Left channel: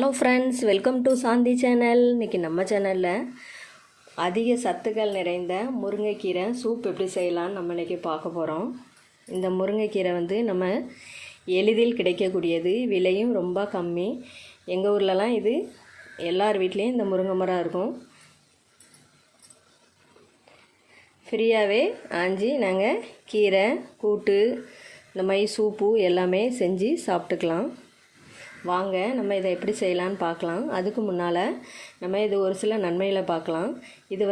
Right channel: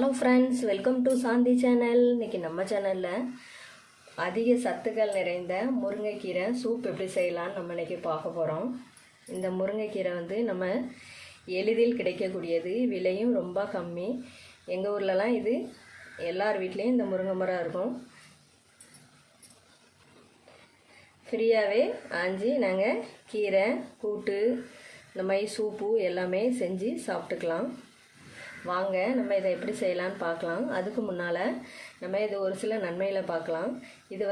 Hello friends, welcome to Shanthi channel. இன்றைக்கி நம்ம சேனலில் அதிக சத்துக்கள் நிறைந்த முருங்கைக்கீரை சூப் எப்படி செய்யலான்னு நம்ம இன்றைக்கி பார்க்க போகிறோம். இந்த முருங்கைக்கீரை நம்ம எளிதில் கிடைக்கக்கூடியது, விலையும் ரொம்ப கம்மி. எங்கள் ஊர்லலாம் இது எல்லார் வீட்லேயும் இந்த முருங்கை மரம் இருக்கும். ஃப்ரீயாகவே ஆஞ்சி நாங்கள் கீரை கூட்டு இந்த மாதிரி சூப்பு எல்லாமே செஞ்சு சாப்பிட்டுக்கலாம். வாங்க நம்ம இதை எப்படி செய்யலான்னு பார்க்கலாம். அதுக்கு முன்னால் நம்ம இது ஒரு சில நன்மையில் பார்க்கலாம். இது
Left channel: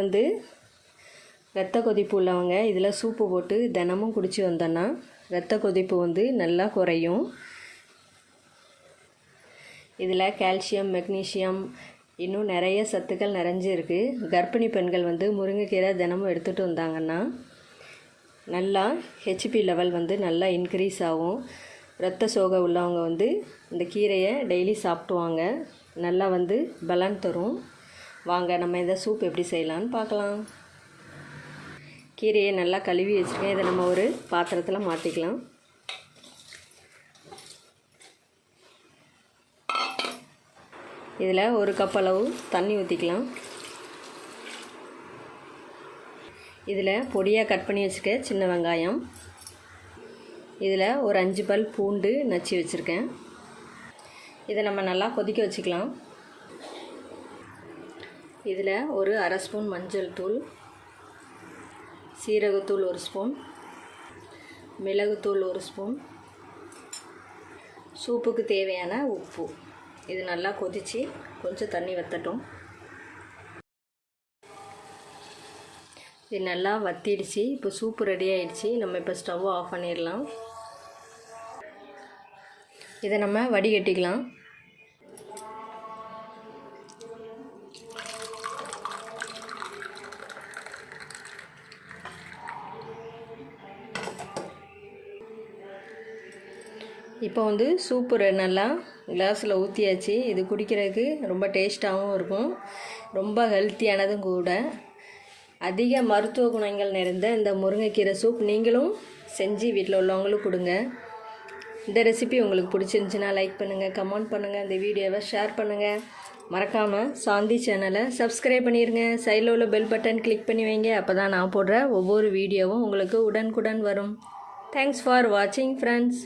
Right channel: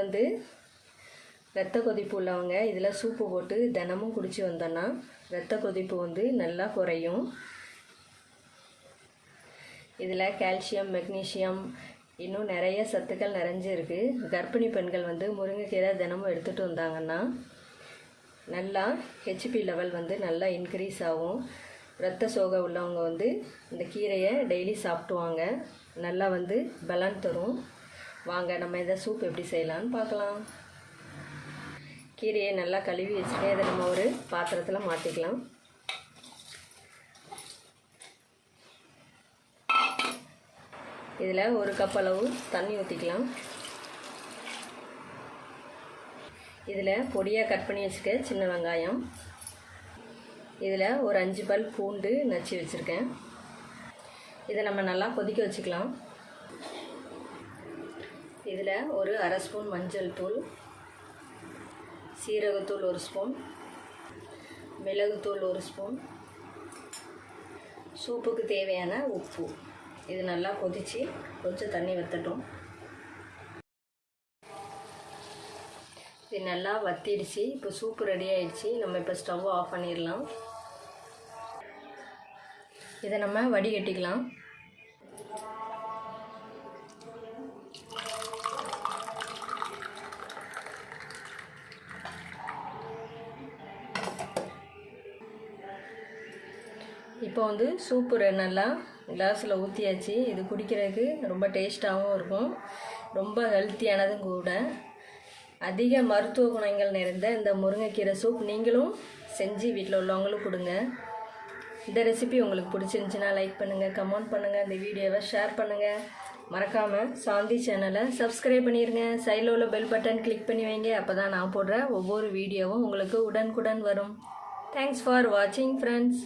இரத்த கொதிப்பு உள்ளவங்க இதில் சூப்பு போட்டு தினமும் குடித்து வந்தோன்னா இரத்த கொதிப்பு நல்லா குறையும். இதில் கால்சியம், மெக்னீஷியம், இன்னும் நிறைய சத்துக்கள் நிறைஞ்சிருக்கு. கர்ப்பிணி பெண்கள் முருங்கைக்கீரை தினமும் எடுத்துகிட்டு வந்தாங்கன்னா நல்லா ஹெச்பி லெவல் நல்லா இன்க்ரீஸ் ஆகும். இரத்த சோகை உள்ளவங்க இந்த கீரையை டெய்லி சாப்பிடுவாங்க. நல்லா பலன் தரும். வாங்க நம்ம இதை சூப் எப்படி செய்யலான்னு பார்க்கலாம். கீரையை நல்லா கழுவி வச்சுருக்கேன். இதை நம்ம ஒரு பாத்திரத்தில் மாற்றிக்கலாம். இதில் ஒரு கப் அளவு தண்ணி ஊற்றிக்கலாம். இதில் பொடியாக கட் பண்ணி வச்சுருக்க சின்ன வெங்காயம், இதில் ஒரு 5 பல் பூண்டு நச்சு வச்சுருக்கேன். இதை நம்ம நல்லா கொதிக்க வச்சுக்கலாம். இதில் ஒரு அரை ஸ்பூன் மஞ்சள் தூள், சீரகத்தூள் 1 ஸ்பூன், மிளகுத்தூள் 1 ஸ்பூன், சூப்புக்கு தேவையான உப்பு. இது நல்லா கொதித்து கொஞ்சம் தண்ணி வற்றட்டும். இது நல்லா வற்றிடுச்சு. இப்போ சூப்பு ரெடி ஆகிடுச்சு. நம்ம இப்போ ஸ்டவ் ஆஃப் பண்ணிடலாம். இதை நம்ம வடிகட்டிக்கலாம். இப்போ சூப்பு நல்லா கிளாஸில் ஊற்றியாச்சு. இது குடிக்கிறதுக்கு ரொம்ப டேஸ்ட்டாகவும் இருக்கும், ரொம்ப ஹெல்த்தியானதும் கூட. அதிக மருத்துவ குணங்கள் நிறைந்த இந்த முருங்கைக்கீரை சூப் நீங்களும் செஞ்சு வீட்டில் உள்ளவங்களும் கொடுங்க. இந்த ரெசிபி உங்களுக்கு பிடிச்சிருந்துச்சின்னா லைக் பண்ணுங்கள், கமெண்ட் பண்ணுங்கள், இந்த வீடியோவை ஷேர் பண்ணுங்கள். மறக்காமல் சாந்தி சேனலை சப்ஸ்கிரைப் பண்ணிடுங்க. சைடில் உள்ள பெல் பட்டன் கிளிக் பண்ணி வைங்க. அப்போ தான் நான் போடுற ஒவ்வொரு வீடியோவும் உங்களுக்கு உடனுக்குடன் வரும். தேங்க்ஸ் ஃபார் வாட்சிங் ஃப்ரெண்ட்ஸ்.